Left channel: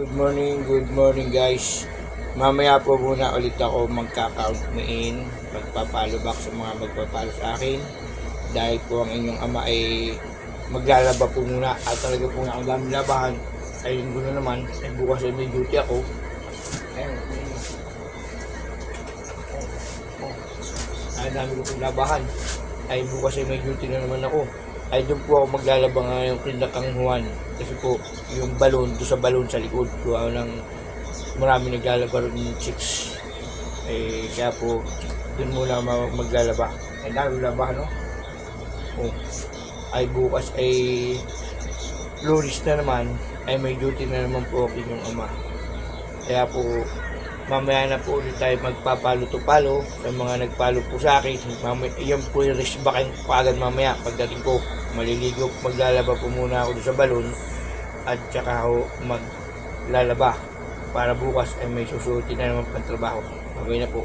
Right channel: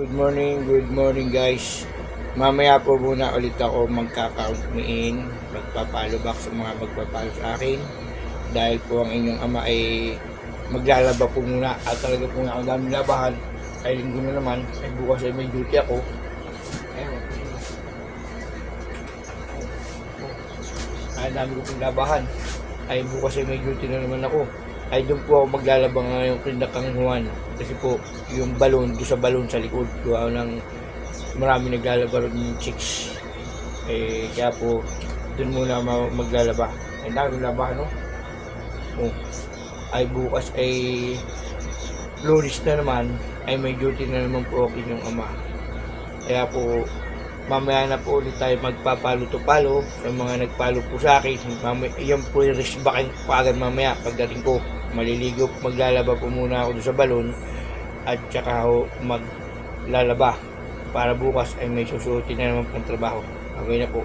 Good morning guys. Mamaya po muna ulit ako magka-count me in, magpa-follow back sa mga magpa-follow sa akin. Dahil po ang inyong ama ay maglalaba po muna at talaga po na ang dami labahan. Ay linggo na naman, ay bukas ay may duty ako. Ayun. Ay dami ko pong labahan. Ay bukas ay may duty na naman ako. Ay doon po ako maglalaba ngayong Pinakang Juan. Kasi po, yung balon, doon sa balon sa likod, gawa ng marami naglalaba ng chicks. Kaya po, doon muna maglalaba. Ay dami labahan, no? Ay bukas ay Lunes na naman, ay may duty na naman po ako yung ama. Kaya po, mamaya na po ulit tayo magpapalo-to-palo sa mga nagpalo po sa akin. Iyan po yung risk back po agad mamaya pagdating ko. Maliligo, maglalaba po muna ako doon sa balon at saka ako maglalaba para bukas ay may susuotin na naman pang trabaho. Okay na po.